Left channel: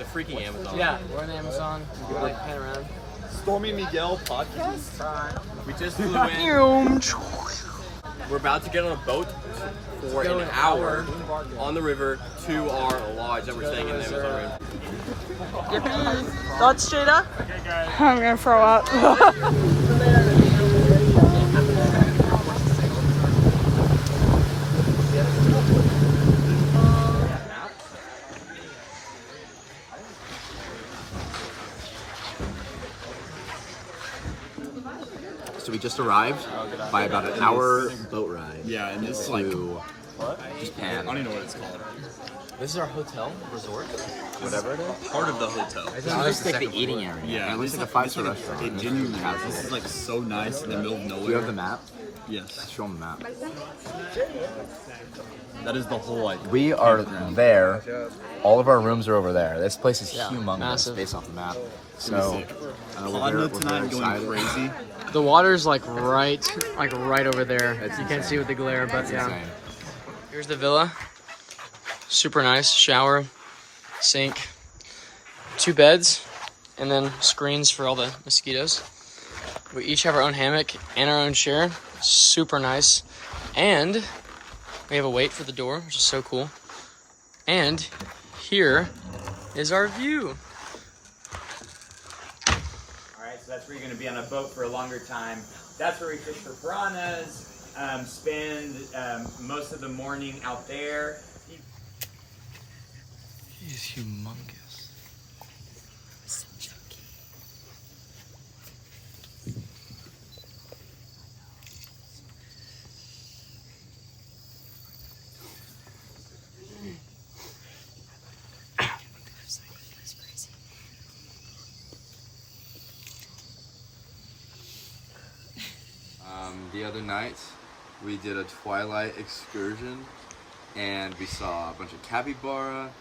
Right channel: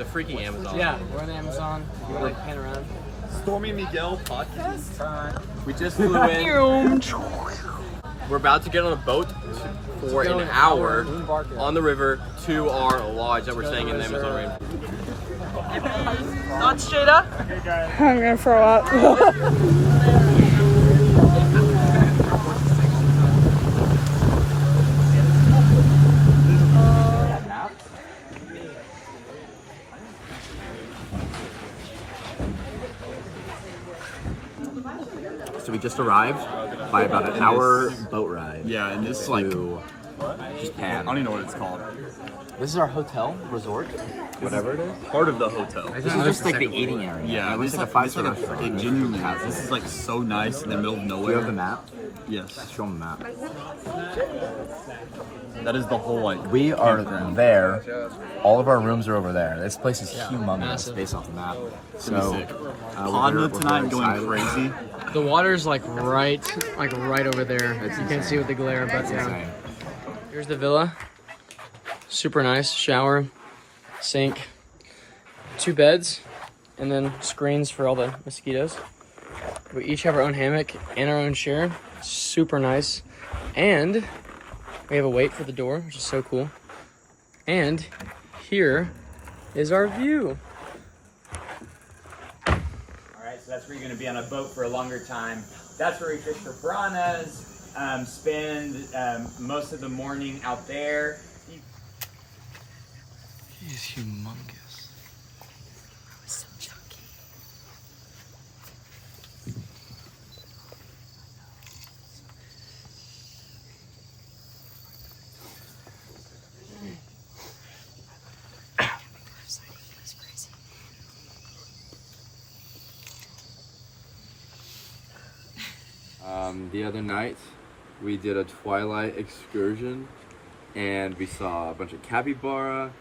the freaking Amazon. Yeah, we're on Amazon. You want to pan around? Stormy Miguel podcast. We just flew in. We're about to get on a boat for an hour on the river to our lodge that we're staying in the Amazon rain. Thoughts, Jada? I'm gonna throw up. So we just arrived by about an hour boat ride. Yeah, and this is like to I Japan. don't even know what it's called. This is our hotel resort, whatever it is. Part of the hotel. This is just like the eating area. Yeah, it looks this like a is five-star like restaurant. it genuinely is. This is like so nice in the middle of Do nowhere. you have the map? Yes, Show them the map. that is the whole like. We are there. All of our rooms are over there. This place is humongous massive. based off the map. So, So, Podna tonight going excited. crazy. The water's like right over there. It's You can't insane. see with the glare, but It's yeah. insane. Here's the villa. Super nice. Shower, sink, 2 beds, and then screens for all the mosquitoes. We each have our own hammock and our own chair. Super nice. And we have a weight for the door, which is so cool. And here is our view. Alright, so that's where you're going to be on a boat for a longer time. That's where we fish for piranhas, spend most of the morning out there. He's humongous. So chunky. The other night, we did a twilight excursion, and we saw a bunch of capybara.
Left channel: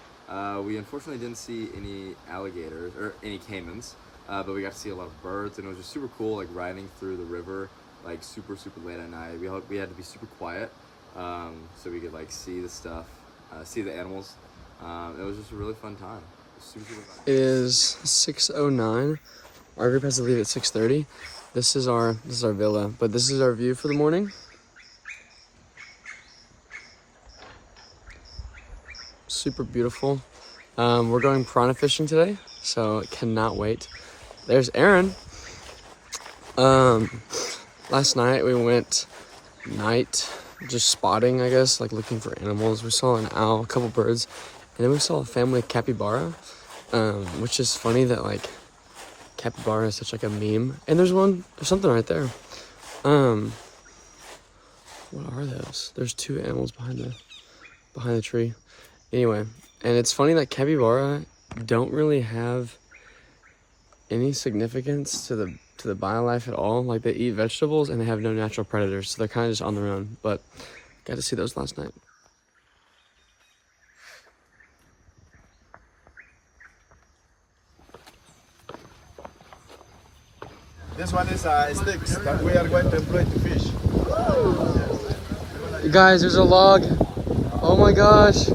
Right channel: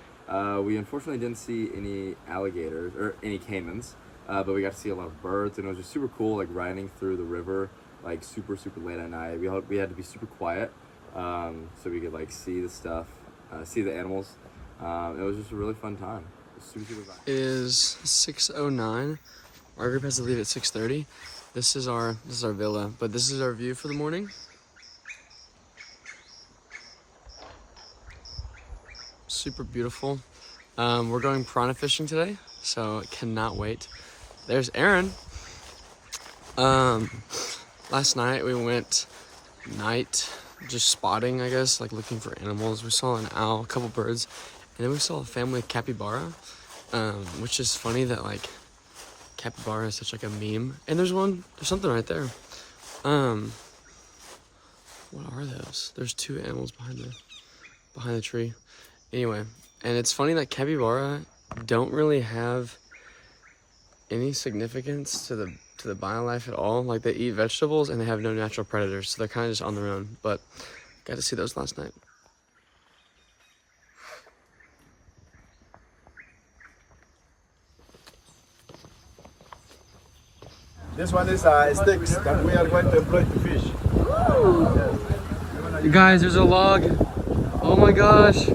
We unfortunately didn't see any alligators or any caimans, but we got to see a lot of birds, and it was just super cool, like riding through the river, like super late at night. We had to be super quiet, so we could like see the stuff, see the animals. It was just a really fun time. It was super fun. It is 6:09. Our group has to leave at 6:30. This is our villa, but this is our view for the morning. Super beautiful. We're going piranha fishing today, so cannot wait. There's Aaron. Last night we went night just spotting, I guess, like looking for animals. We saw an owl, a couple birds, and then we saw a family of capybara, which is funny that like capybara is such like a meme. And there's something right there. What are those? There's 2 animals behind the tree. Anyway, and it's funny that capybara don't really have any significance to the biolife at all. Like they eat vegetables and they have no natural predators, so they're kind of just on their own. But got to see those last night. This one is sticks, and we are going to employ to fish. You guys, there's a log. Oh my gosh.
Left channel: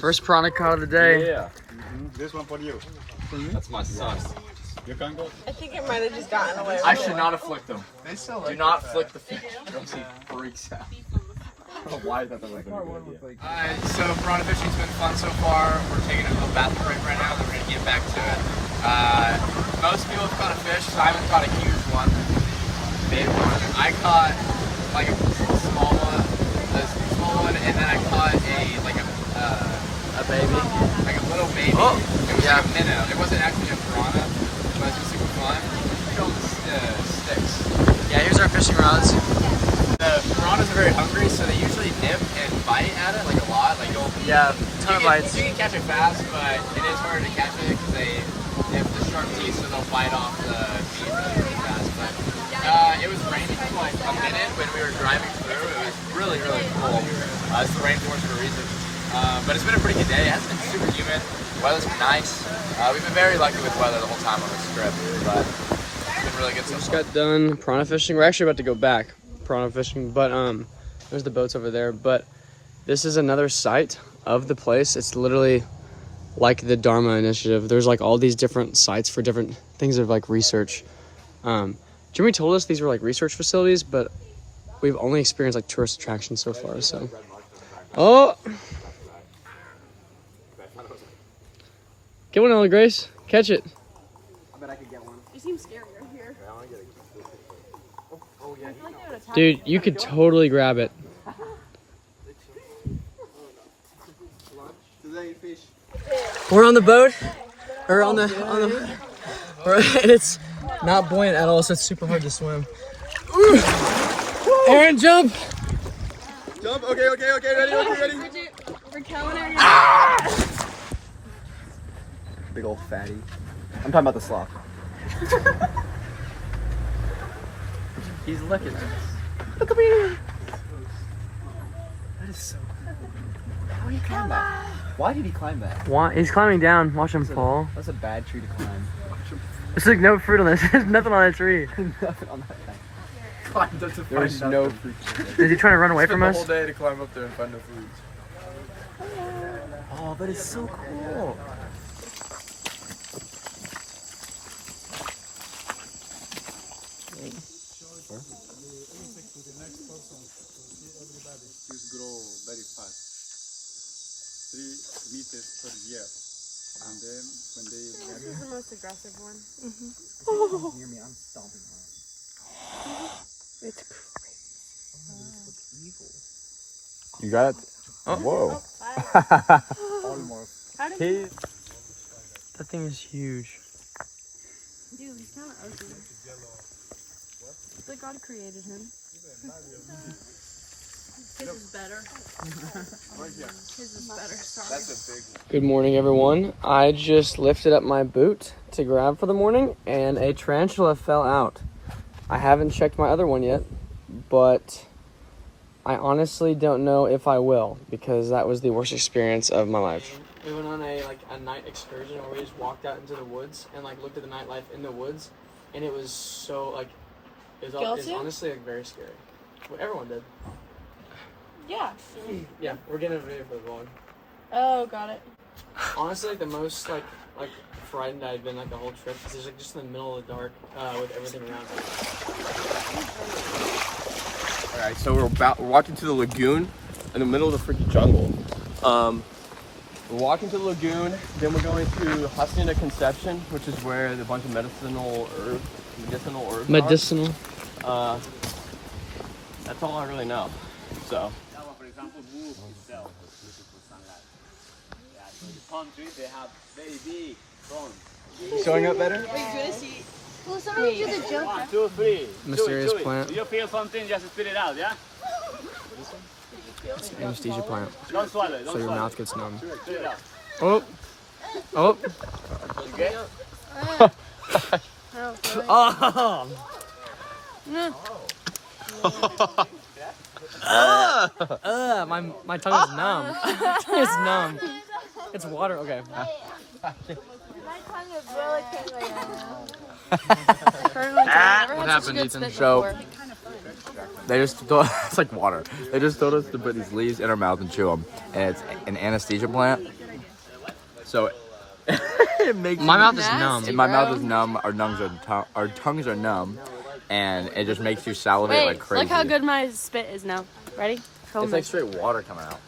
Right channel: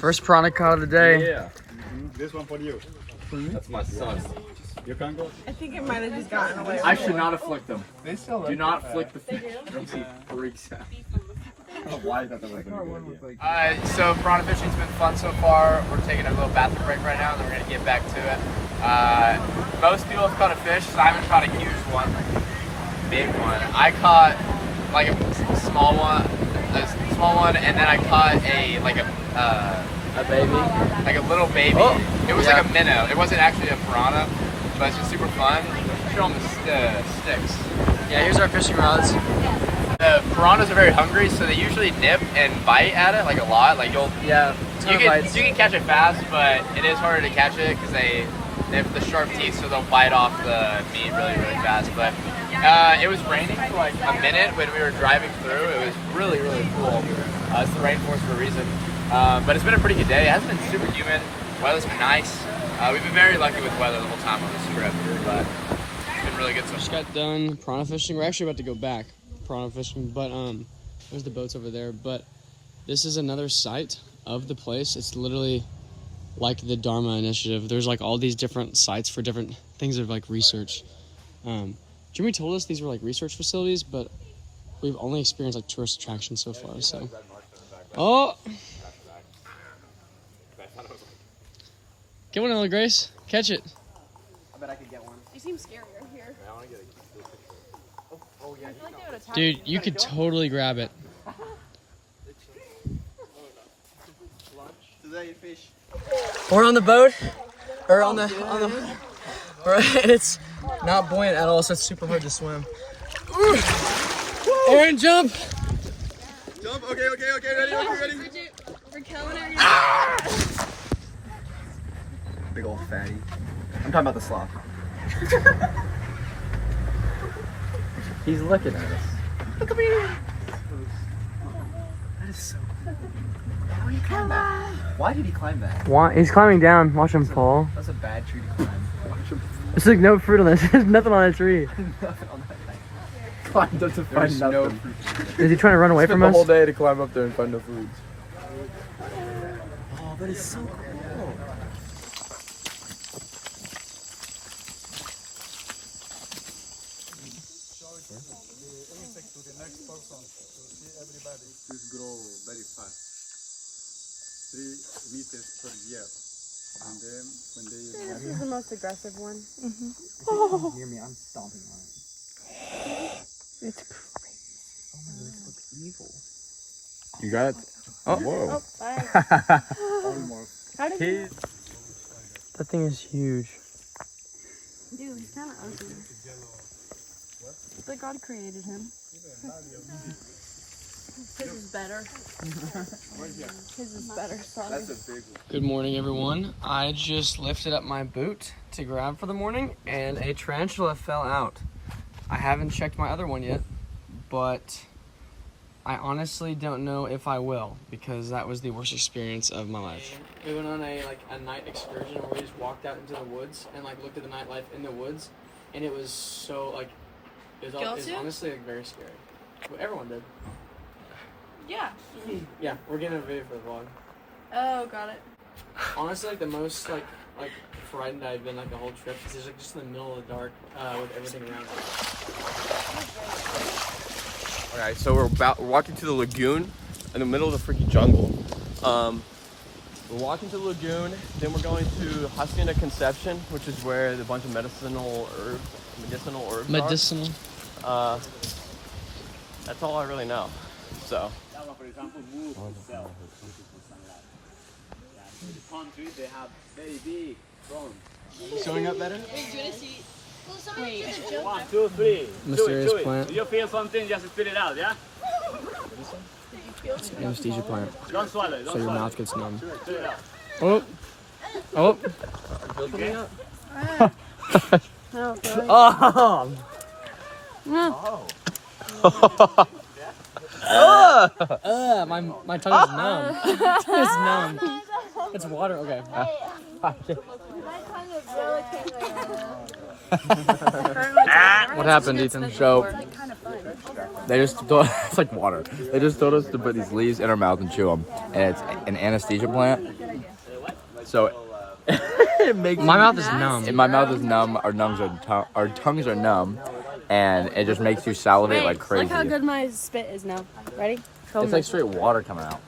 First piranha caught of the day. Yeah. This one for you. That's my son. You can go. I think it might have just gotten away. I should not have flicked them. They still Do not flick the fish. He freaks out. I don't know why that was a good idea. So piranha fishing's been fun so far. We're taking a little bathroom break right now, then we're gonna get back to it. Most people have caught a fish, so I haven't caught a huge one. Big one. I caught like a small one, and then I caught a baby, like a little baby. Oh, it was yeah. like a minnow. It wasn't actually a piranha, but it's just super fun. Put on the sticks. Yeah, here's our fishing rods. The piranhas are very hungry, so they usually nip and bite at it like a lot. Like you can catch it fast, but it is harder to catch it because they have the sharp teeth, so they'll bite off the meat really fast. But it was raining for like a minute when we were driving through. It was really cool. It's the rainforest for a reason. But it's been a pretty good day. It hasn't been super humid. Weather's been nice. We've been very lucky with weather the whole time on this trip, but it's been really good so far. Just got done piranha fishing. We're actually about to go back piranha fishing, but there's the boats over there. But this is another site of the place. It's literally like the Dharma Initiative. There's like all these different sites for different things of like research. Jimmy told us these were like research facilities, but we've only experienced like tourist attractions so far. So, oh, get one, Ella Grace. Catch it. I bet I could get one. You seem scary right here. Dude, you could totally grab it. We're on the boat, or on the, and it's not buoyant at all, so it's super hard to swim. Aaron, jump! Jump. Okay. Ready. Big old fatty. I'm talking about the sloth. He's looking at us. Look at me. That is so cool. How did he climb that? Why did he climb that? He's climbing down. Watch him fall. That's a bad tree to climb. There's like no fruit on this. There's nothing on that tree. Nothing on that thing. Climbed up to find There's no nothing. fruit. Is he trying to run away from the us? whole day to climb up there and find no food. Oh, that is so cool. Grow very fast, 3 meters per year, and then when they This is the most aggressive one. Hear me, I'm stomping on it. It's You got it? Oh. Whoa. almost. That thing is huge. Dude, he's kind of ugly. It's like God created him. His is better. His is better. Sorry. That's a big one. Good morning, everyone. I just lifted up my boot to grab for the morning, and a tarantula fell out. I haven't checked my other one yet, but I honestly don't know if I will, because that was the worst experience of my life. We went on a night excursion where we just walked out into the woods and looked at the nightlife in the woods, and it was so it was honestly very scary. Well, everyone did. Yeah. Yeah, we're getting a video for the vlog. Oh, got it. Honestly, the most frightened I've been the whole trip is just in the middle of the dark with everything around us. Alright, so we're walking to the lagoon in the middle of the freaking jungle. We're walking to the lagoon, then we're going to Hacienda Conception, which is where the bunch of medicinal herbs Medicinal. are. That's all I really know. So. That one, for example, moves itself, which is for sunlight. Yeah, so the palm trees, they have very big fronds. Showing up better? Will somebody do the joke? 1, 2, 3. Mysterious Chew it. plant. If you feel something, just spit it out, yeah? It's an anesthesia plant, Don't swallow it. Don't so your swallow mouth it. gets numb. Spit it out. Oh! Oh! Okay? My tongue is numb. It's numb. It's water. Okay. My tongue is really tingling. What happened, Ethan? So, they just told it's like water. They just told us to put these leaves in our mouth and chew them, and it's an anesthesia plant. So it makes My mouth is numb. my mouth is numb. Our tongues are numb, and it just makes you salivate like crazy. Look how good my spit is now. Ready? It's like straight water coming out,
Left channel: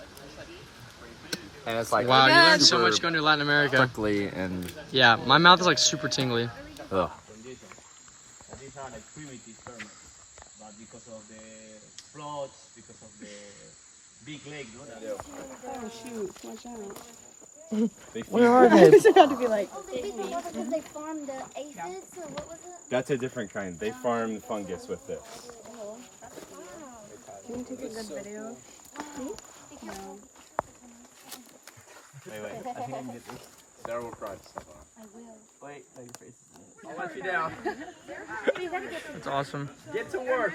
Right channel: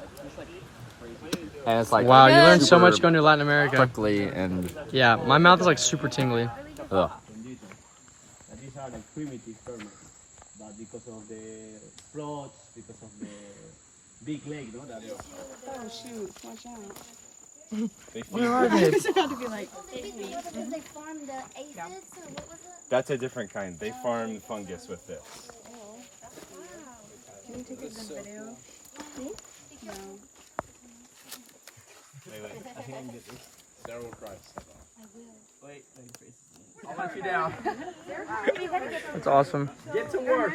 and it's like Wow, you learned so super much going to Latin America. prickly and Yeah, my mouth is super tingly. ugh. These are like primitive termites, but because of the floods, because of the big lake, no? Oh shoot! Watch out. Where are they? It's about to be like. Oh, they think that because they farmed the aphids, or what was it? That's a different kind. They farm fungus with this. Can you take a good video? Me? No. Wait. I think I can get this. Sarah will cry. Step on. I will. Wait. Your face. I'll let you down. That's awesome. Get to work.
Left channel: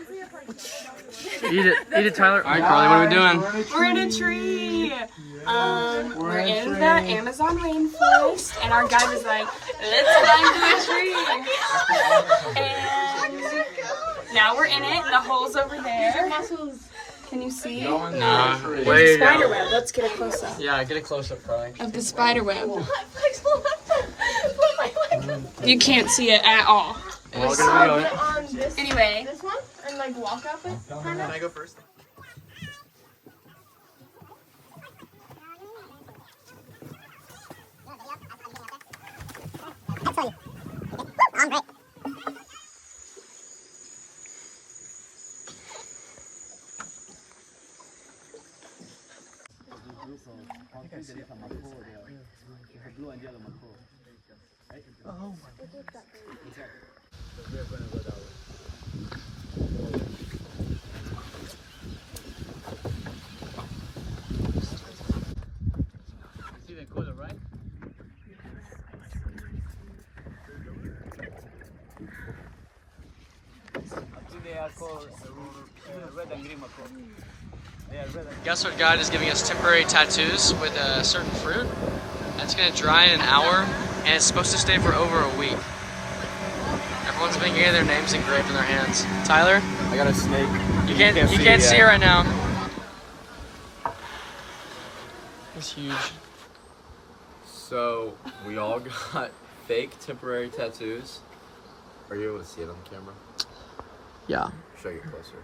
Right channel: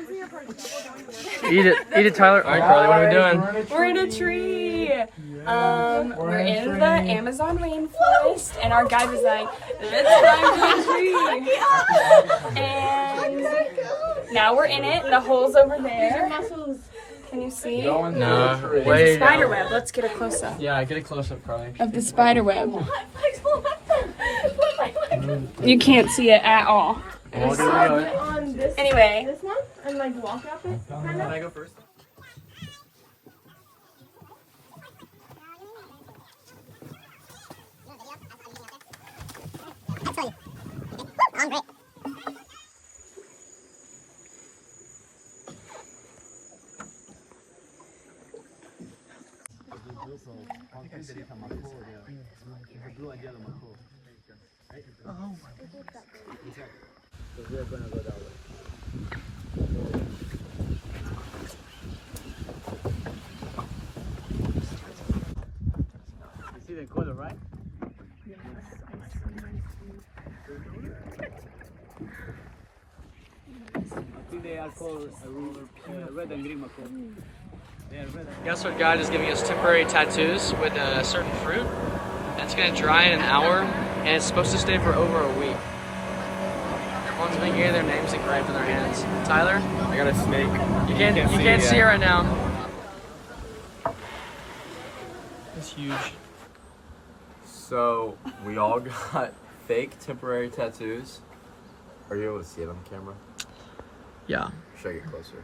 Eat it, Tyler. All right, Carly, what are we doing? We're in a tree. We're in the Amazon rainforest, and our guide was like, "Let's climb the tree." And now we're in it. The hole's over there. Can you see? Nah, way to Spider go. web. Let's get a close up Yeah, get a close up, Carly. of the spider web. You can't see it at all. Anyway, This one? And like walk up it? Can I go first? See the color, right? Guess what guide is giving us temporary tattoos with a certain fruit. And it's gonna dry in an hour, and it's supposed to stay for over a week. Everyone's been getting their names engraved in their hands. Tyler? I got a snake. You can't see it right now. It's huge. So we all got fake temporary tattoos. Are you able to see it on the camera? Yeah. Should I get closer?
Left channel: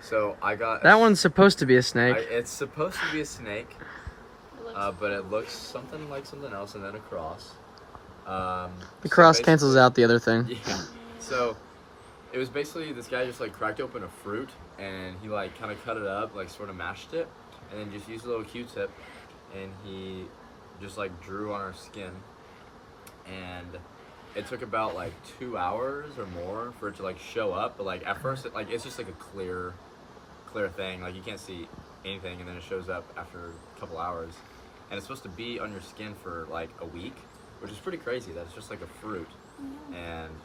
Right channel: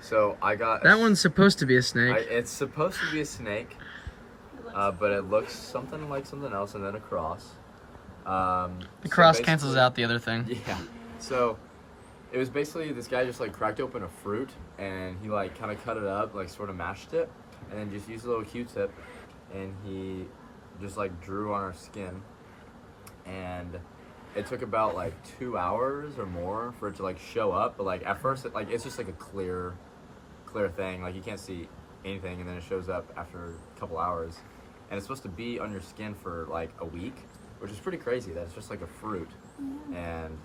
So I got That one's supposed to be a snake. it's supposed to be a snake, but it looks something like something else, and then a cross. The cross cancels out the other thing. Yeah. So it was basically this guy just like cracked open a fruit, and he like kind of cut it up, like sort of mashed it, and then just used a little Q-tip, and he just like drew on our skin, and it took about like 2 hours or more for it to like show up. But like at first, it's just like a clear thing. Like you can't see anything, and then it shows up after a couple hours, and it's supposed to be on your skin for like a week, which is pretty crazy. That it's just like a fruit, and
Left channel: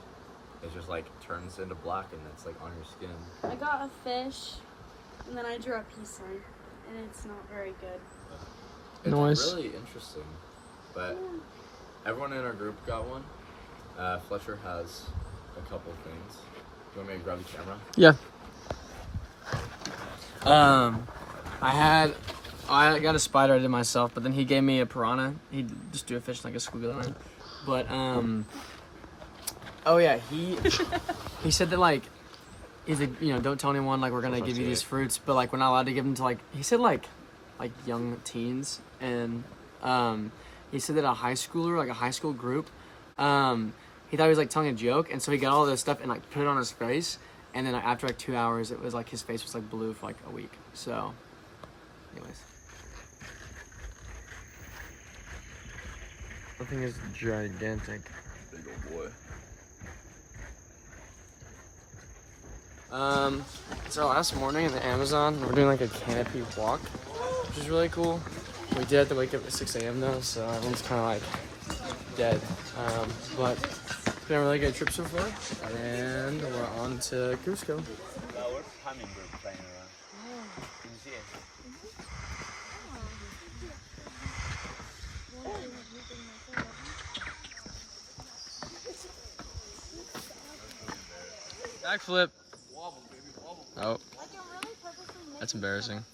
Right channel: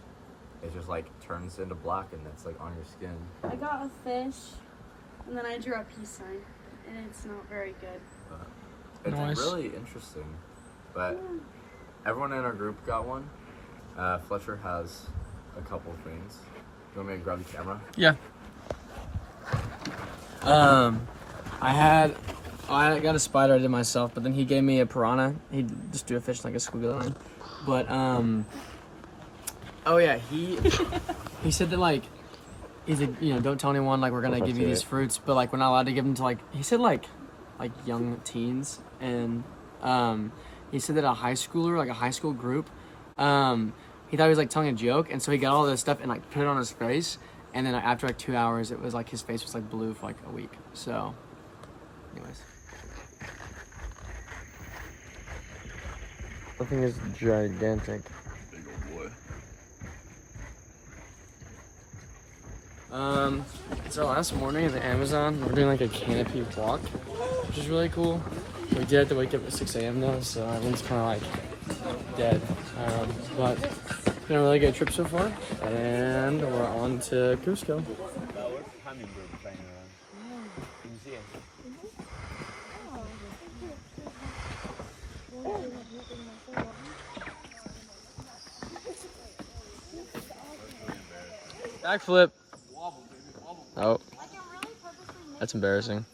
it just like turns into black, and it's like on your skin. I got a fish, and then I drew a peace sign, and it's not very good. It's Nice. really interesting, but everyone in our group got one. Fletcher has a couple things. Do you want me to grab the camera? Yeah. I got a spider I did myself, but then he gave me a piranha. He just do a fish like a squiggly line. But oh yeah, he said that like he's like, you know, don't tell anyone, like we're gonna give you these fruits, but like we're not allowed to give them to like, he said like young teens, and he said that a high schooler, like a high school group, he thought he was like telling a joke, and so he got all this stuff and like put it on his face, and then after like 2 hours it was like his face was like blue for like a week. So anyways, the thing is gigantic. Big old boy. So last morning at the Amazon, we're doing like a canopy walk, which is really cool. We did have to wake up at 6 a.m. though, so everyone's kind of like dead. But it's been a really good trip so far, and we're on to Cusco. Backflip. Oh, that's embarrassing.